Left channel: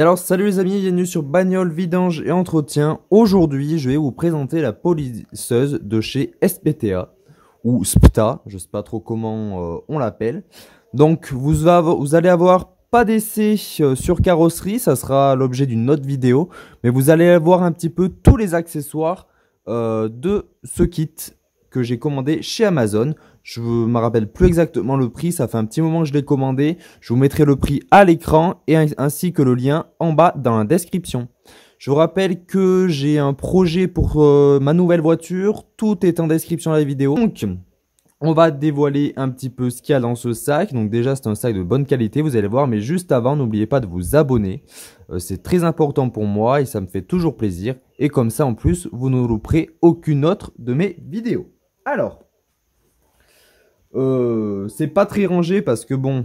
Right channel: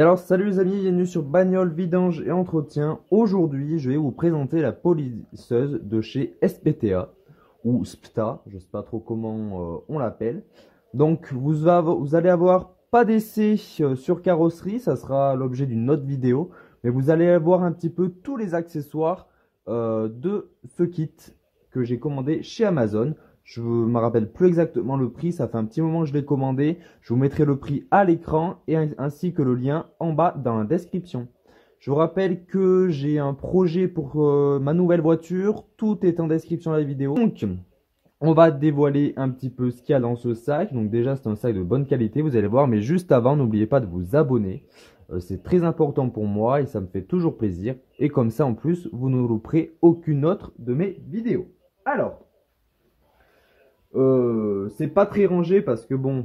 Et alors, salut les amis, bienvenue sur Bagnole, Vidange et Entretien. Aujourd'hui, je vais vous présenter la polisseuse de chez SPTA ou SPTA, je ne sais pas trop comment on l'appelle. Donc, vous allez avoir pas d'essai sur carrosserie, ça sera l'objet d'une autre vidéo, mais vous allez avoir un petit peu tous les accessoires de ce kit que j'ai commandé chez Amazon. Je ne me rappelle plus exactement le prix, ça fait un petit moment que je l'ai commandé. Je vous mettrai le prix à l'écran et ainsi que le lien en bas dans la description. Je vous rappelle que j'ai un projet pour ma nouvelle voiture. Tout est en description de la vidéo. Donc, on va dévoiler un petit peu ce qu'il y a dans ce sac. Donc déjà, c'est un sac de bonne qualité, vous allez voir. Mais juste avant, n'oubliez pas de vous abonner. C'est très important pour moi et ça me fait toujours plaisir. Et comme ça, en plus, vous ne louperez aucune autre de mes vidéos. Alors... c'est pas très rangé parce que bon,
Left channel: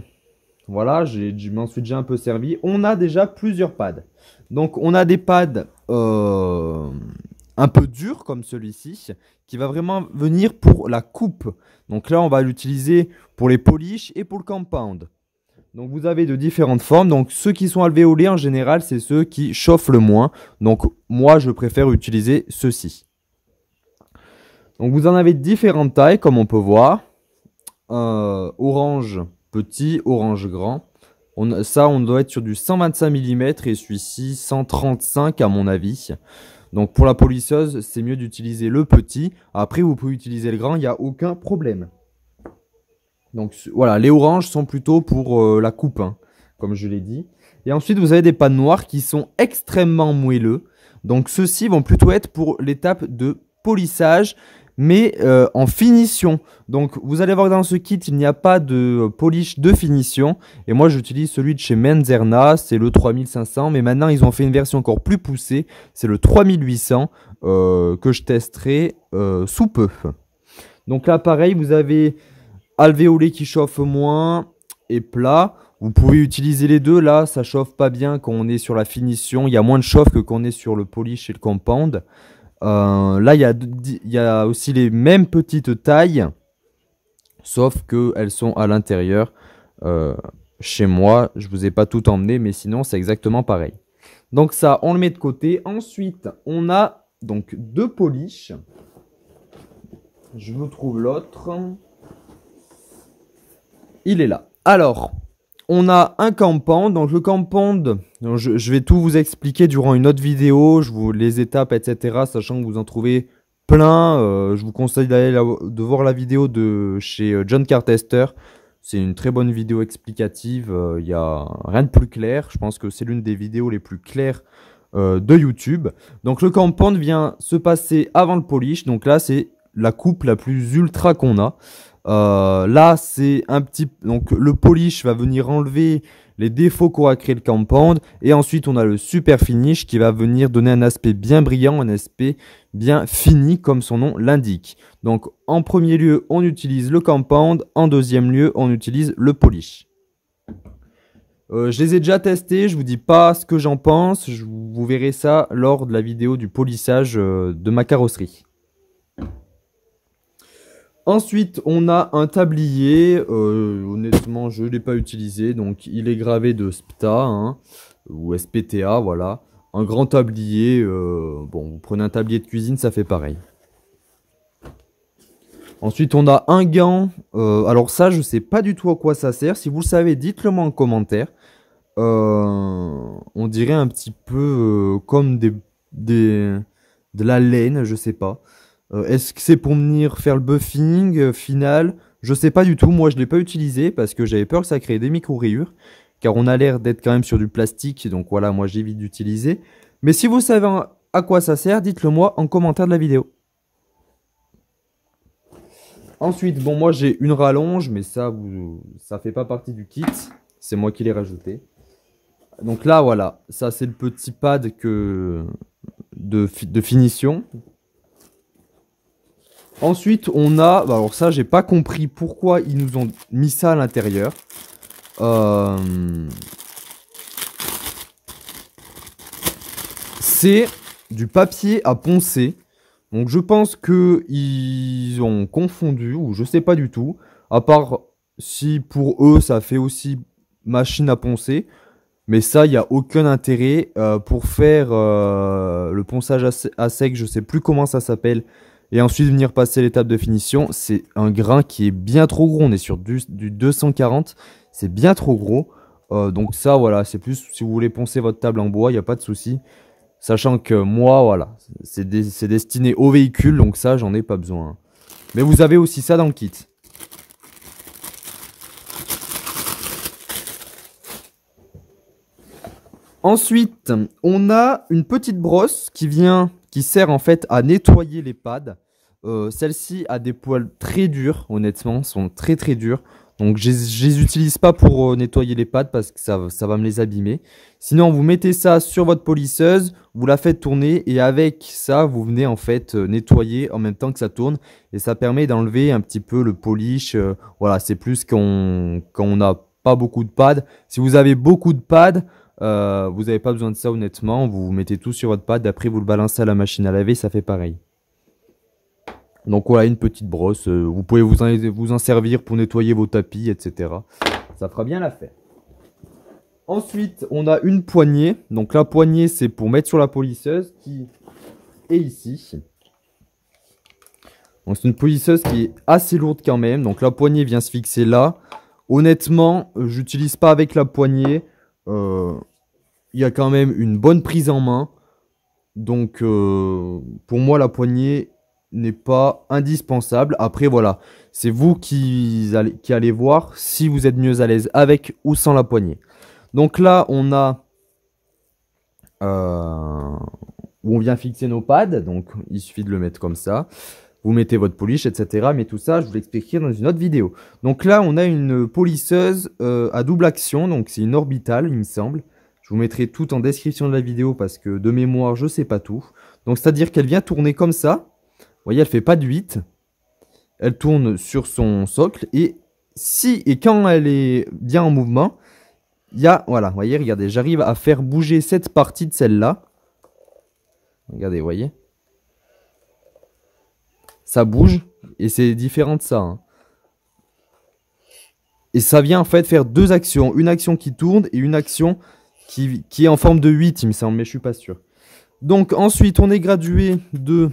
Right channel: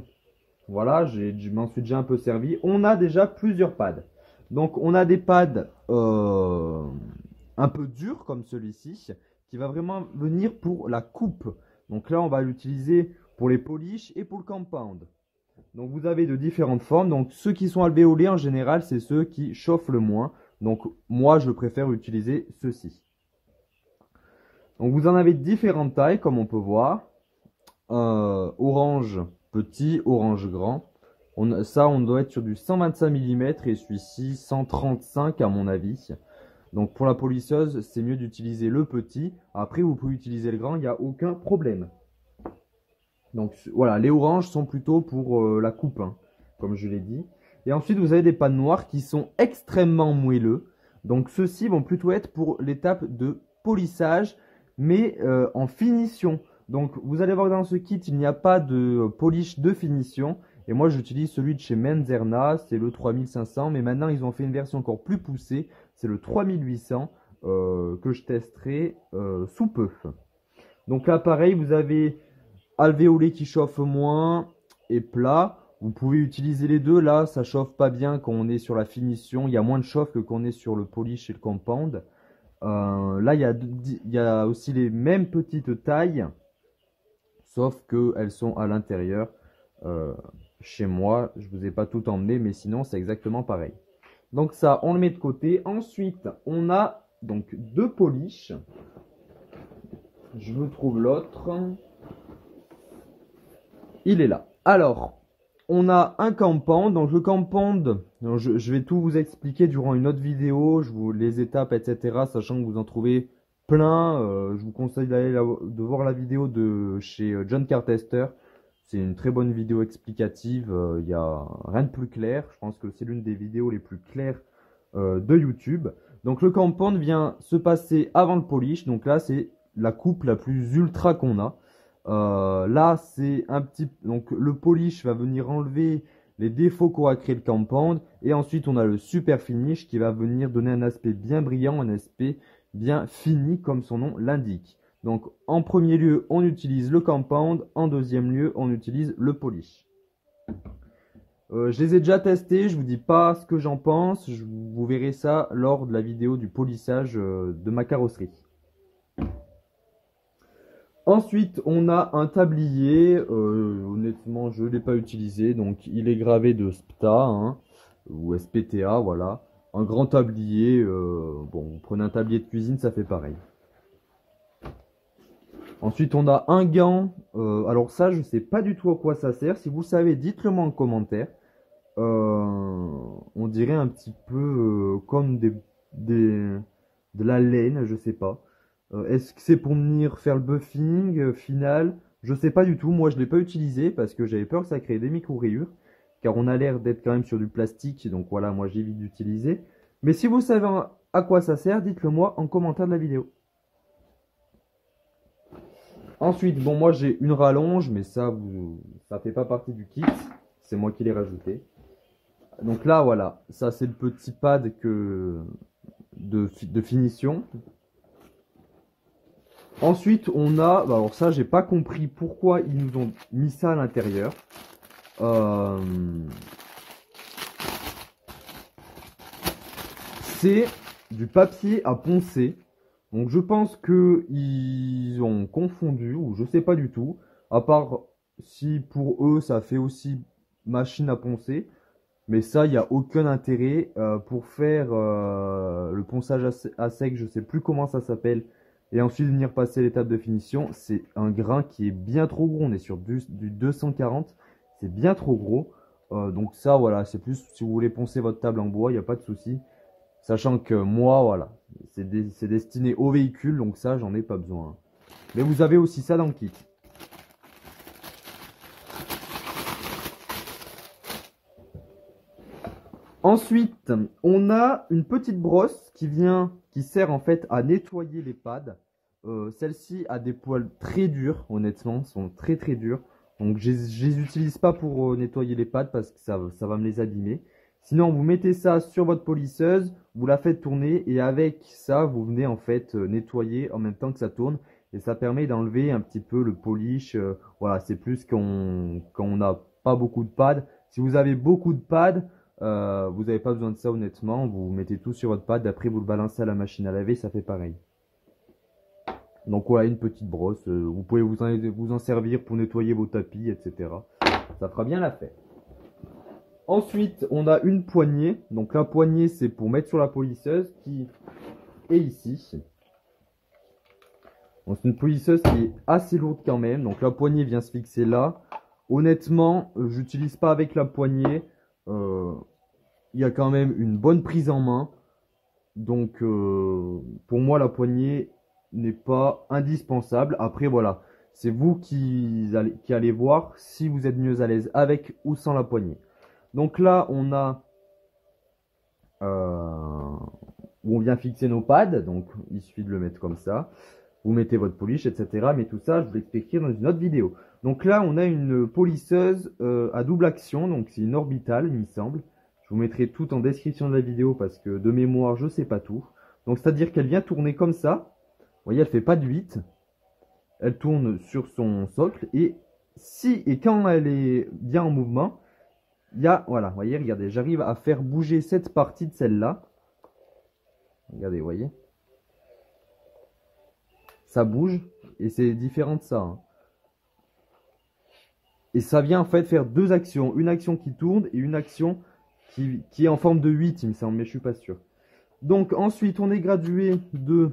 voilà, je m'en suis déjà un peu servi. On a déjà plusieurs pads. Donc on a des pads un peu durs comme celui-ci qui va vraiment venir pour la coupe. Donc là on va l'utiliser pour les polish et pour le compound. Donc vous avez de différentes formes. Donc ceux qui sont alvéolés en général c'est ceux qui chauffent le moins. Donc moi je préfère utiliser ceux-ci. Donc vous en avez de différentes tailles comme on peut voir. Orange petit, orange grand. On doit être sur du 125 mm et celui-ci 135 à mon avis. Donc pour la polisseuse, c'est mieux d'utiliser le petit. Après, vous pouvez utiliser le grand, il n'y a aucun problème. Donc voilà, les oranges sont plutôt pour la coupe, hein, comme je l'ai dit. Et ensuite, vous avez des pads noirs qui sont extrêmement moelleux. Donc ceux-ci vont plutôt être pour l'étape de polissage, mais en finition. Donc vous allez voir dans ce kit, il n'y a pas de polish de finition. Et moi j'utilise celui de chez Menzerna, c'est le 3500. Mais maintenant ils ont fait une version encore plus poussée, c'est le 3800 que je testerai sous peu. Donc là pareil, vous avez alvéolé qui chauffe moins et plat. Vous pouvez utiliser les deux, là ça chauffe pas bien quand on est sur la finition. Il y a moins de chauffe que quand on est sur le polish et le compound. Là, il y a aussi les mêmes petites tailles, sauf qu'elles sont à l'intérieur. Chez moi, je ne vous ai pas tout emmené, mais sinon, c'est exactement pareil. Donc ça, on le met de côté. Ensuite, on a donc deux polish. Je vous trouve l'autre. Il est là. Alors, on a un compound. Donc le compound, je vais tout vous expliquer durant une autre vidéo, les étapes, etc. Sachant que vous en trouvez plein. Je vous conseille de voir la vidéo de chez John Cartester. C'est une très bonne vidéo explicative. Il n'y a rien de plus clair. Je pense que c'est l'une des vidéos les plus claires de YouTube. Donc le compound vient se passer avant le polish. Donc là, c'est la coupe la plus ultra qu'on a. Là, c'est un petit... Donc, le polish va venir enlever les défauts qu'aura créé le compound. Et ensuite, on a le super finish qui va venir donner un aspect bien brillant, un aspect bien fini, comme son nom l'indique. Donc, en premier lieu, on utilise le compound. En deuxième lieu, on utilise le polish. Je les ai déjà testés. Je vous dis pas ce que j'en pense. Vous verrez ça lors de la vidéo du polissage de ma carrosserie. Ensuite, on a un tablier. Honnêtement, je ne l'ai pas utilisé. Donc, il est gravé de SPTA hein, ou SPTA, voilà. Un grand tablier. Bon, vous prenez un tablier de cuisine, ça fait pareil. Ensuite, on a un gant. Alors ça, je ne sais pas du tout à quoi ça sert. Si vous le savez, dites-le moi en commentaire. On dirait un petit peu comme de la laine, je ne sais pas. Est-ce que c'est pour venir faire le buffing final? Je sais pas du tout. Moi, je ne l'ai pas utilisé parce que j'avais peur que ça crée des micro-rayures. Car on a l'air d'être quand même sur du plastique. Donc voilà, moi, j'évite d'utiliser. Mais si vous savez à quoi ça sert, dites-le moi en commentaire de la vidéo. Ensuite, bon, moi, j'ai une rallonge. Mais ça fait pas partie du kit. C'est moi qui l'ai rajouté. Donc là, voilà. Ça, c'est le petit pad de finition. Ensuite, on a... Alors ça, j'ai pas compris pourquoi ils nous ont mis ça à l'intérieur. C'est du papier à poncer. Donc je pense qu'ils ont confondu, ou je sais pas du tout. À part si pour eux, ça fait aussi machine à poncer. Mais ça, il n'y a aucun intérêt pour faire le ponçage à sec, je sais plus comment ça s'appelle, et ensuite venir passer l'étape de finition. C'est un grain qui est bien trop gros, on est sur du 240, c'est bien trop gros. Donc ça, voilà, c'est plus si vous voulez poncer votre table en bois, il n'y a pas de souci. Sachant que moi, voilà, c'est destiné au véhicule, donc ça, j'en ai pas besoin. Mais vous avez aussi ça dans le kit. Ensuite, on a une petite brosse qui sert en fait à nettoyer les pads. Celle-ci a des poils très durs, honnêtement, sont très très durs. Donc je les utilise pas pour nettoyer les pads parce que ça va me les abîmer. Sinon, vous mettez ça sur votre polisseuse, vous la faites tourner et avec ça, vous venez en fait nettoyer en même temps que ça tourne. Et ça permet d'enlever un petit peu le polish. Voilà, c'est plus quand on n'a pas beaucoup de pads. Si vous avez beaucoup de pads, vous n'avez pas besoin de ça honnêtement. Vous mettez tout sur votre pad, après vous le balancez à la machine à laver, ça fait pareil. Donc voilà, une petite brosse. Vous pouvez vous en servir pour nettoyer vos tapis, etc. Ça fera bien l'affaire. Ensuite, on a une poignée. Donc la poignée, c'est pour mettre sur la polisseuse qui est ici. Donc c'est une polisseuse qui est assez lourde quand même. Donc la poignée vient se fixer là. Honnêtement, j'utilise pas avec la poignée. Il y a quand même une bonne prise en main. Donc pour moi, la poignée n'est pas indispensable. Après, voilà, c'est vous qui allez voir si vous êtes mieux à l'aise avec ou sans la poignée. Donc là, on a où on vient fixer nos pads. Donc il suffit de le mettre comme ça. Vous mettez votre polish, etc. Mais tout ça, je vous l'expliquerai dans une autre vidéo. Donc là, on a une polisseuse à double action. Donc c'est une orbitale, il me semble. Je vous mettrai tout en description de la vidéo parce que de mémoire, je ne sais pas tout. Donc c'est-à-dire qu'elle vient tourner comme ça. Vous voyez, elle ne fait pas de 8. Elle tourne sur son socle. Et quand elle est bien en mouvement, il y a, voilà, vous voyez, regardez, j'arrive à faire bouger cette partie de celle-là. Regardez, vous voyez. Ça bouge et c'est différent de ça. Hein. Et ça vient en fait faire deux actions. Une action qui tourne et une action qui est en forme de 8, il me semble, mais je suis pas sûr. Donc ensuite, on est gradué de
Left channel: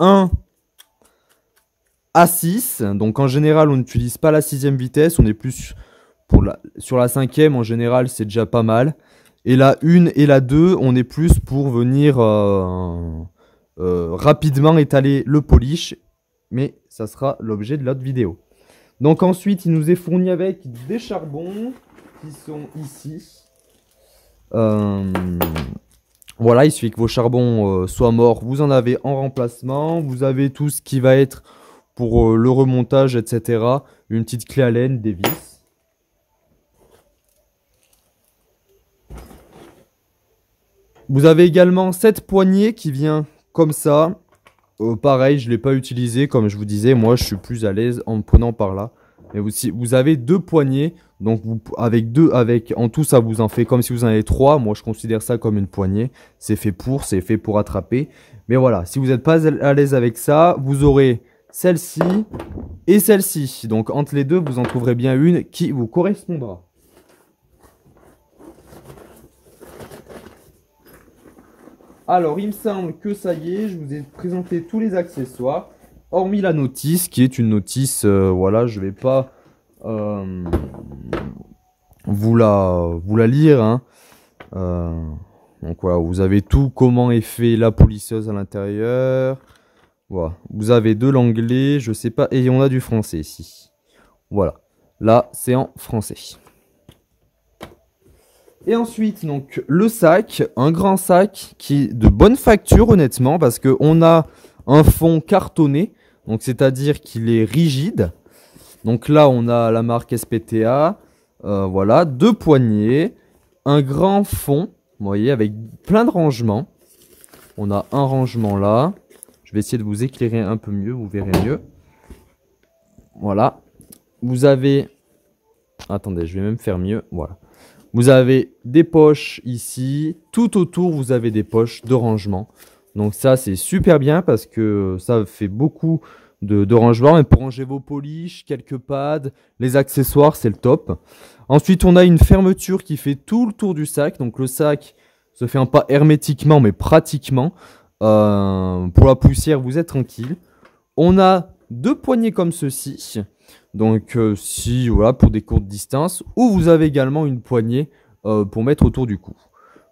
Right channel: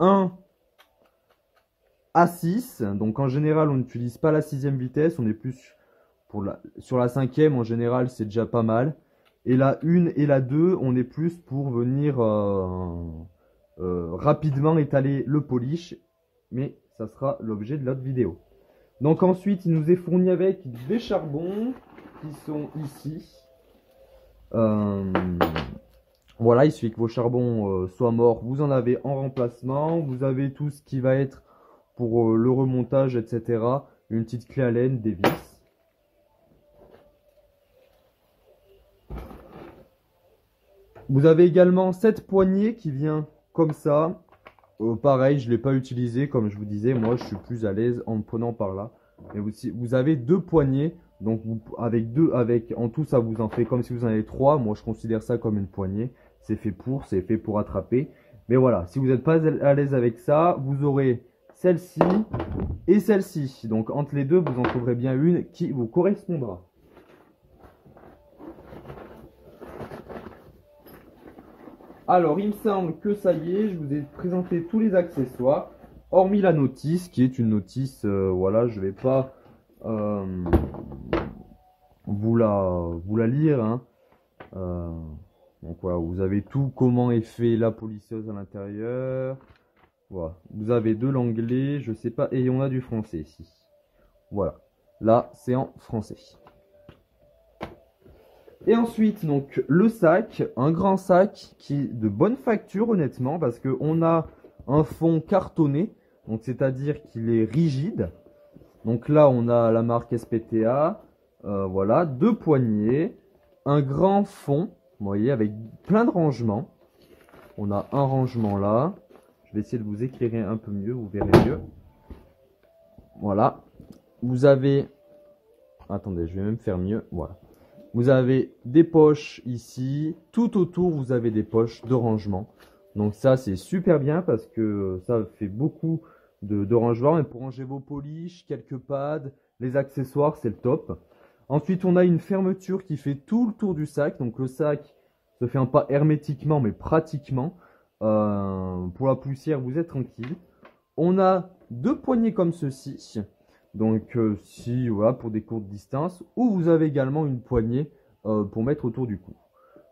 1 à 6. Donc en général, on n'utilise pas la 6e vitesse. On est plus sur la 5e. En général, c'est déjà pas mal. Et la 1 et la 2, on est plus pour venir rapidement étaler le polish. Mais ça sera l'objet de l'autre vidéo. Donc ensuite, il nous est fourni avec des charbons qui sont ici. Voilà, il suffit que vos charbons soient morts. Vous en avez en remplacement. Vous avez tout ce qui va être pour le remontage, etc. Une petite clé à laine, des vis. Vous avez également cette poignée qui vient comme ça. Pareil, je ne l'ai pas utilisé. Comme je vous disais, moi, je suis plus à l'aise en me prenant par là. Et vous avez deux poignées. Donc, en tout, ça vous en fait comme si vous en avez 3. Moi, je considère ça comme une poignée. C'est fait pour attraper. Mais voilà, si vous n'êtes pas à l'aise avec ça, vous aurez celle-ci et celle-ci. Donc, entre les deux, vous en trouverez bien une qui vous correspondra. Alors, il me semble que ça y est, je vous ai présenté tous les accessoires, hormis la notice, qui est une notice, voilà, je ne vais pas vous la lire. Hein. Donc voilà, vous avez tout, comment est fait la polisseuse à l'intérieur. Voilà, vous avez de l'anglais, je sais pas, et on a du français ici. Voilà, là, c'est en français. Et ensuite, donc, le sac, un grand sac qui est de bonne facture, honnêtement, parce qu'on a un fond cartonné, donc c'est-à-dire qu'il est rigide. Donc là, on a la marque SPTA, voilà, deux poignées, un grand fond, vous voyez, avec plein de rangements. On a un rangement là. Je vais essayer de vous éclairer un peu mieux, vous verrez mieux. Voilà. Vous avez... Attendez, je vais même faire mieux, voilà. Vous avez des poches ici. Tout autour, vous avez des poches de rangement. Donc ça, c'est super bien parce que ça fait beaucoup de rangement. Et pour ranger vos polish, quelques pads, les accessoires, c'est le top. Ensuite, on a une fermeture qui fait tout le tour du sac. Donc le sac se ferme pas hermétiquement, mais pratiquement. Pour la poussière, vous êtes tranquille. On a deux poignées comme ceci. Donc si voilà, pour des courtes distances. Ou vous avez également une poignée pour mettre autour du cou.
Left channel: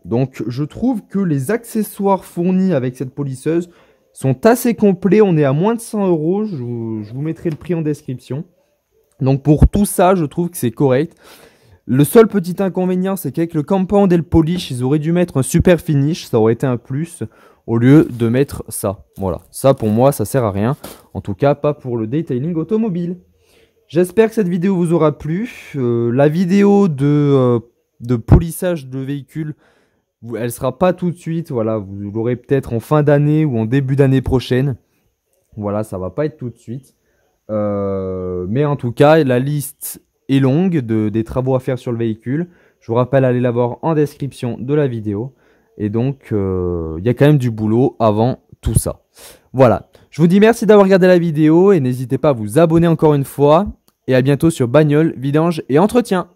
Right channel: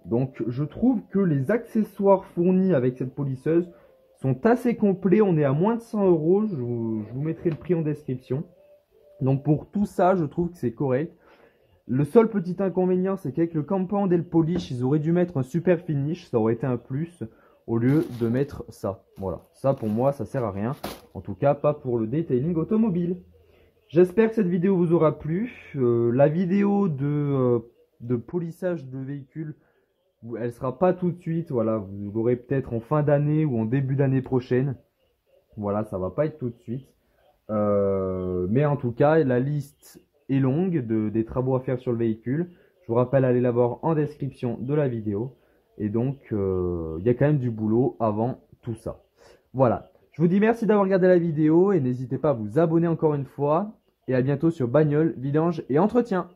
Donc je trouve que les accessoires fournis avec cette polisseuse sont assez complets. On est à moins de 100 €. Je vous mettrai le prix en description. Donc pour tout ça, je trouve que c'est correct. Le seul petit inconvénient, c'est qu'avec le compound et le polish, ils auraient dû mettre un super finish. Ça aurait été un plus au lieu de mettre ça. Voilà, ça pour moi, ça sert à rien. En tout cas, pas pour le detailing automobile. J'espère que cette vidéo vous aura plu. La vidéo de polissage de véhicule, elle sera pas tout de suite. Voilà, vous l'aurez peut-être en fin d'année ou en début d'année prochaine. Voilà, ça va pas être tout de suite. Mais en tout cas, la liste est longue des travaux à faire sur le véhicule. Je vous rappelle, allez la voir en description de la vidéo. Et donc, il y a quand même du boulot avant tout ça. Voilà. Je vous dis merci d'avoir regardé la vidéo et n'hésitez pas à vous abonner encore une fois. Et à bientôt sur Bagnole, Vidange et Entretien.